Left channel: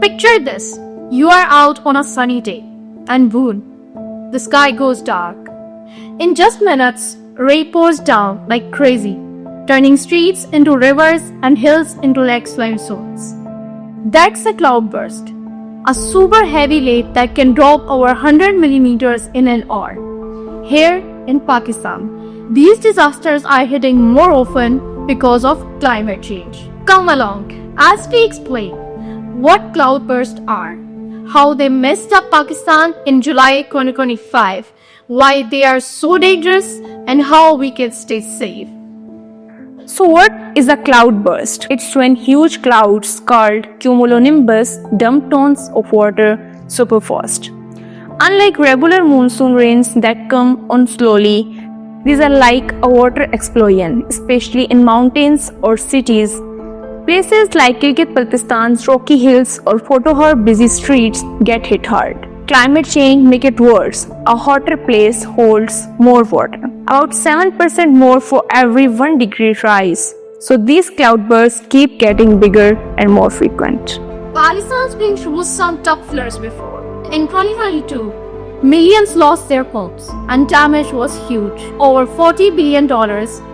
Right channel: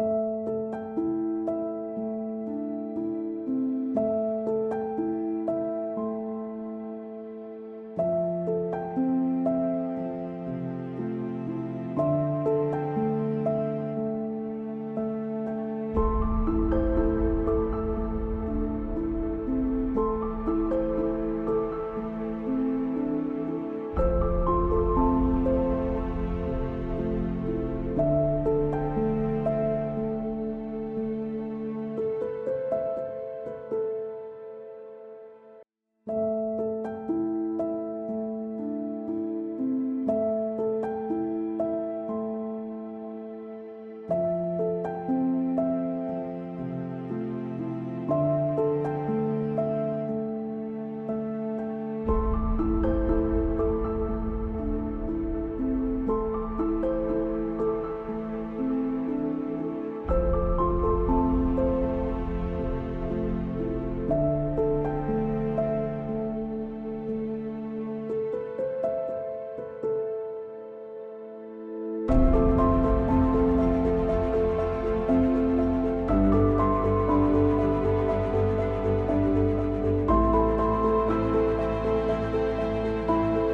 Picture this. You are out on a sunny day, and boom, the sky goes dark. In just minutes, rain pours down like crazy, turning streets into rivers and hills into lakes-like zones. That's a cloudburst, a super heavy rain that can drop over 100 millimeters in an hour. Here in Pakistan, these disasters are hitting more often because of climate change. Come along as we explain what cloudbursts are, how they messed up Pakistan in July 2025, why they are so dangerous, and how we can stay safe. So what is a cloudburst? It's when huge clouds called cumulonimbus dump tons of water super fast. Unlike regular monsoon rains that come on slowly, these are like a water explosion, especially in mountains or cities. Places like Gilgit-Baltistan's rocky hills or Potohar busy streets get hit hard. Climate change makes it worse. A hotter place holds more water, about 7% more for every 1 degree rise. So these cloudbursts keep getting bigger and more frequent. Pakistan's been through some tough floods before. In 2022, millions lost their homes and damage was huge, over $40 billion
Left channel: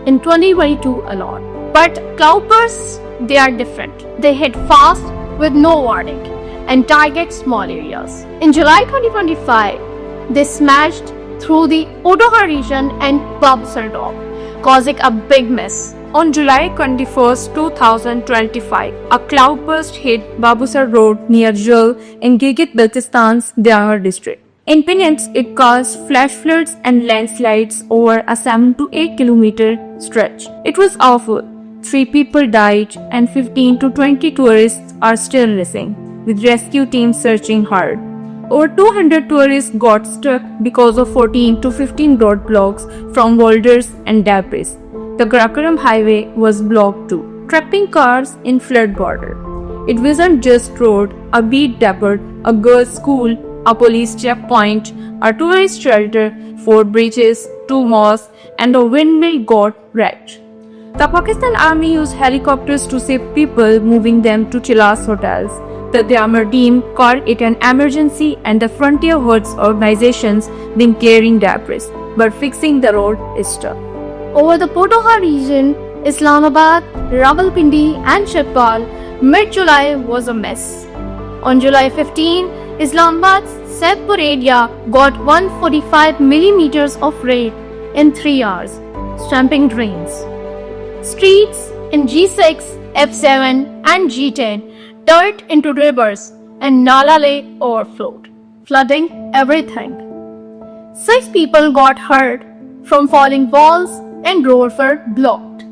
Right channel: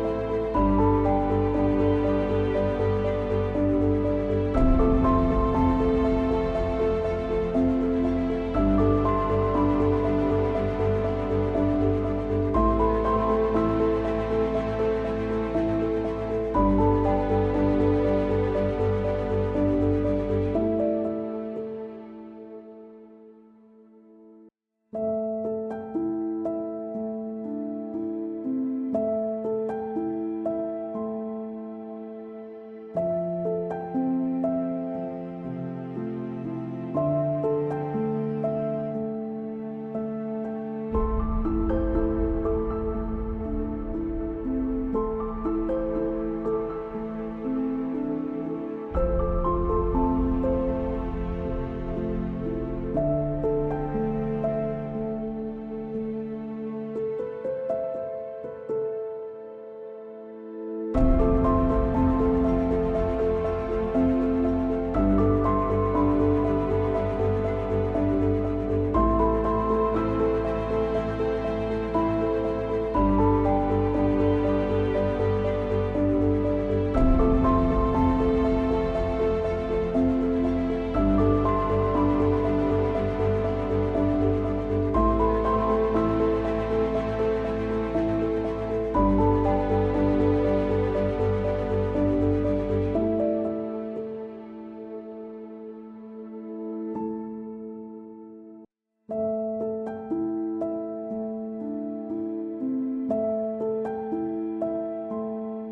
in 2022 alone. But cloudbursts, they are different. They hit fast with no warning and target small areas. In July 2025, they smashed through the Potohar region and Babsar Dam, causing a big mess. On July 21, 2025, a cloudburst hit Babusar Road near Jul in Gilgit-Baltistan's Diyar district. In minutes, it caused flash floods and landslides over a 7 to 8 kilometer stretch. It was awful. 3 people died and 15 to 20 tourists are still missing, with rescue teams searching hard. Over 200 tourists got stuck because of 14 to 15 roadblocks from boulders and debris. The Karakoram highway was blocked too, trapping cars in flood border. It wasn't just road, a beach depot, a girls' school, a police checkpoint, a tourist shelter, 4 bridges, 2 mosques, and a windmill got wrecked. The Pakistan Army used helicopters to save people, moving them to Chilas hotels. The Diyamar team called it an emergency, and the Frontier Hoods organizations been clearing debris, but fixing the road is tough. Over the Potohar region, Islamabad, Rawalpindi, and Shibpal, mid-July was a mess. On July 15, Islamabad's Saidpur area got 145 millimeters of rain in 3 hours, swamping drains. Streets in G6, F7, and G10 turned into rivers, and Nala Lake overflowed, flooding everything. 6 people got hurt from falling walls and roads were blocked.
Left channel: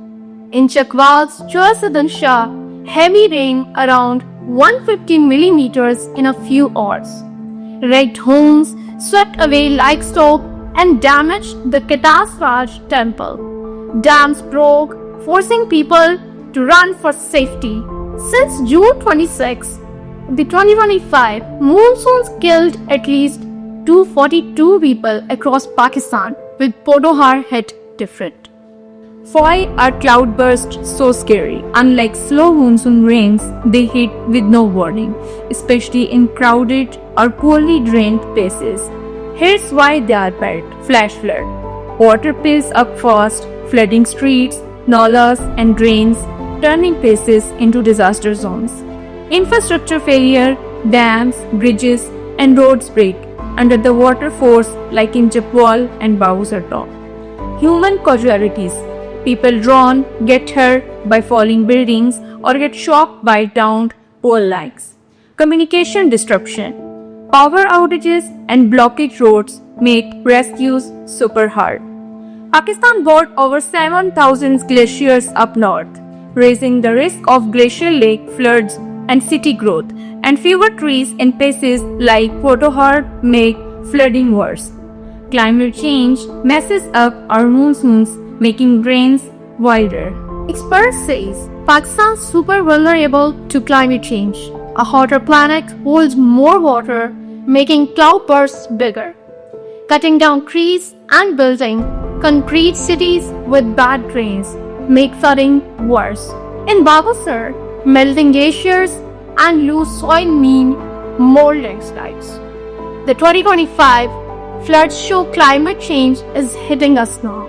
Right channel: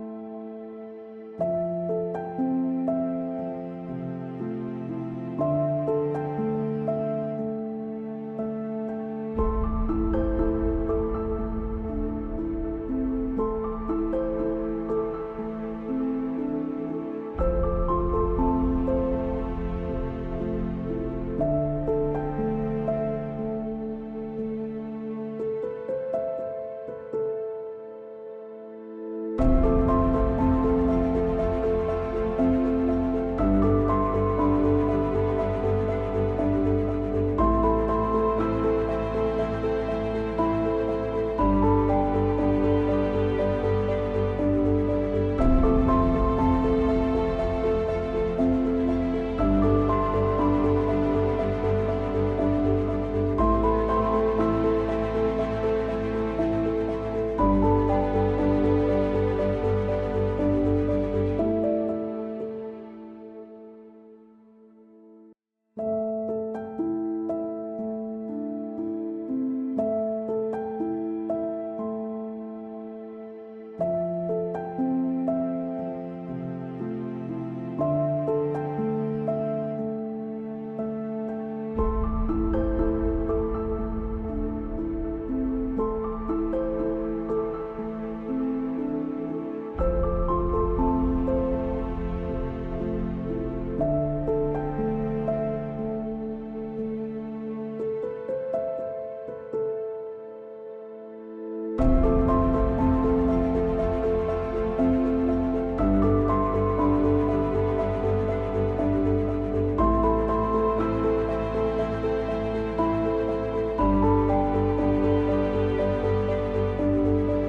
In Chakwal's Chausadan Shah, heavy rain around 150 millimeters in a few hours. Wrecked homes, swept away livestock, and damaged the Ketasraj temple. Dams broke, forcing people to run for safety. Since June 26, the 2025 monsoons killed at least 242 people across Pakistan, with Potohar hit different. Why are cloudbursts so scary? Unlike slow monsoon rains, they hit with no warning, especially in crowded or poorly drained places. Here's why they are bad. Flash flood. Water piles up fast, flooding streets, nalas and drains, turning places into disaster zones. Infrastructure failure, dams, bridges, and roads break under the water force like in Chapwal and Babusar Dam. Human casualties. People drown, get hurt by falling buildings, or get shocked by downed pole lines. Communication disruption. Power outages and blockage roads make rescues super hard. Pakistan brought over 7,000 glaciers up north, raising the risk of glacial lake floods and city growth, and fewer trees in places like Potohar make flooding worse. Climate change messes up our monsoons, making rains wider. Experts say Pakistan is super vulnerable to climate change. A hotter planet holds more water, making cloudbursts bigger. Cutting down trees and building concrete cities with bad drains make flooding worse. In Babusar, melting glaciers and loose soil mean more landslides. The 2025 floods show climate change is hitting us now,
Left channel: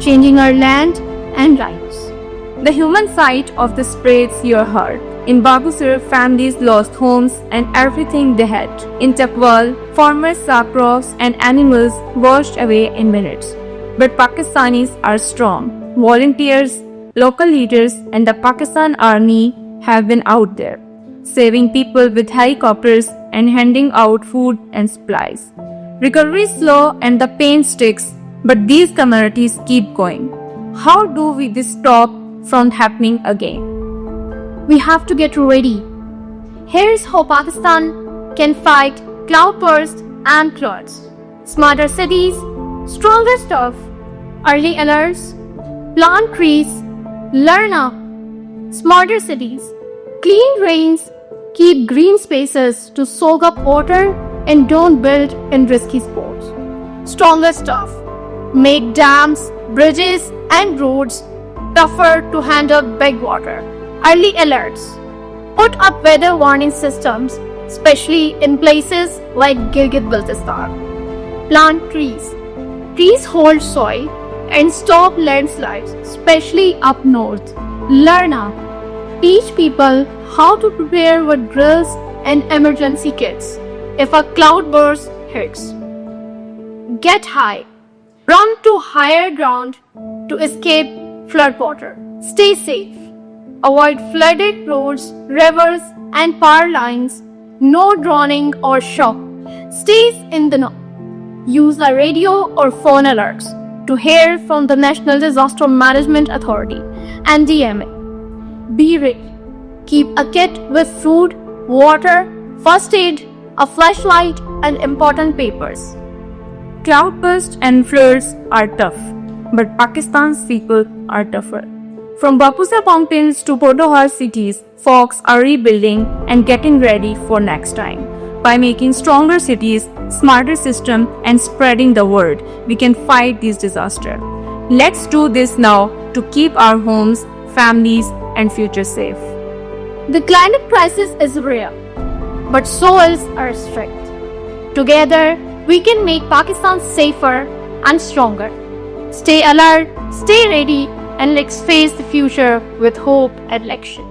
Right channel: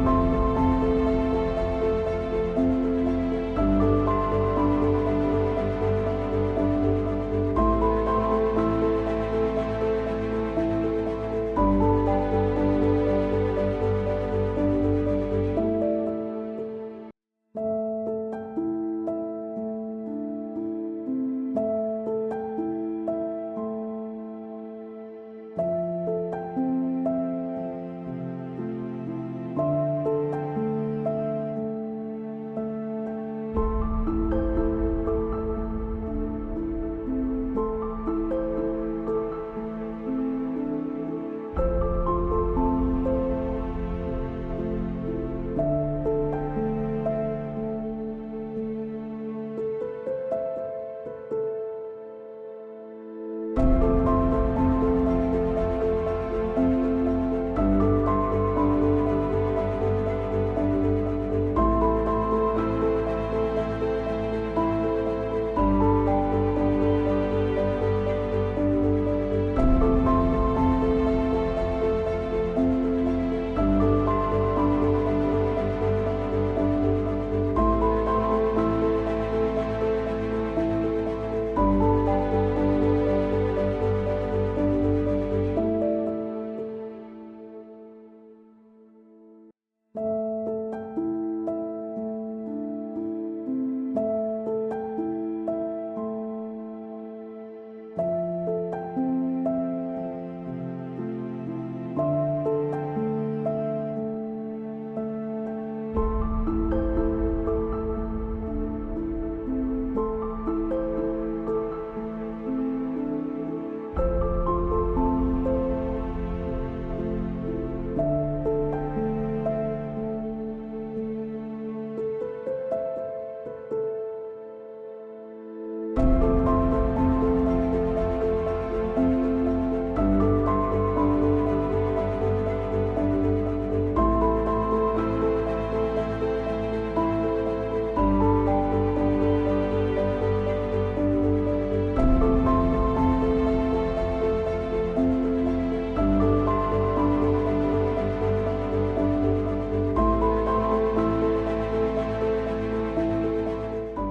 changing our land and lives. The human side of this breaks your heart. In Babusar, families lost homes and everything they had. In Tapwal, farmers saw crops and animals washed away in minutes. But Pakistanis are strong. Volunteers, local leaders, and the Pakistan Army have been out there, saving people with helicopters and handing out food and supplies. Recovery is slow and the pain sticks, but these communities keep going. How do we this stop from happening again? We have to get ready. Here's how Pakistan can fight cloudburst and floods. Smarter cities, stronger stuff, early alerts, plant trees, learn up. Smarter cities, clean drains, keep green spaces to soak up water and don't build in risky spots. Stronger stuff, make dams, bridges and roads tougher to handle big water. Early alerts, put up weather warning systems, especially in places like Gilgit-Baltistan. Plant trees. Trees hold soil and stop landslides, especially up north. Learn up. Teach people how to prepare with drills and emergency kits if a cloudburst hits. Get high. Run to higher ground to escape flood water. Stay safe. Avoid flooded roads, rivers, and power lines. No drowning or shock. Stay in the know. Use the radio or phone alerts to hear from the National Disaster Management Authority (NDMA). Be ready. Keep a kit with food, water, first aid, a flashlight, and important papers. Cloudbursts and floods are tough, but Pakistan's people are tougher. From Bapusar mountains to Podohar cities, folks are rebuilding and getting ready for next time. By making stronger cities, smarter system, and spreading the word, we can fight these disasters. Let's do this now to keep our homes, families, and future safe. The climate crisis is real, but souls are strict. Together, we can make Pakistan safer and stronger. Stay alert, stay ready, and let's face the future with hope and action.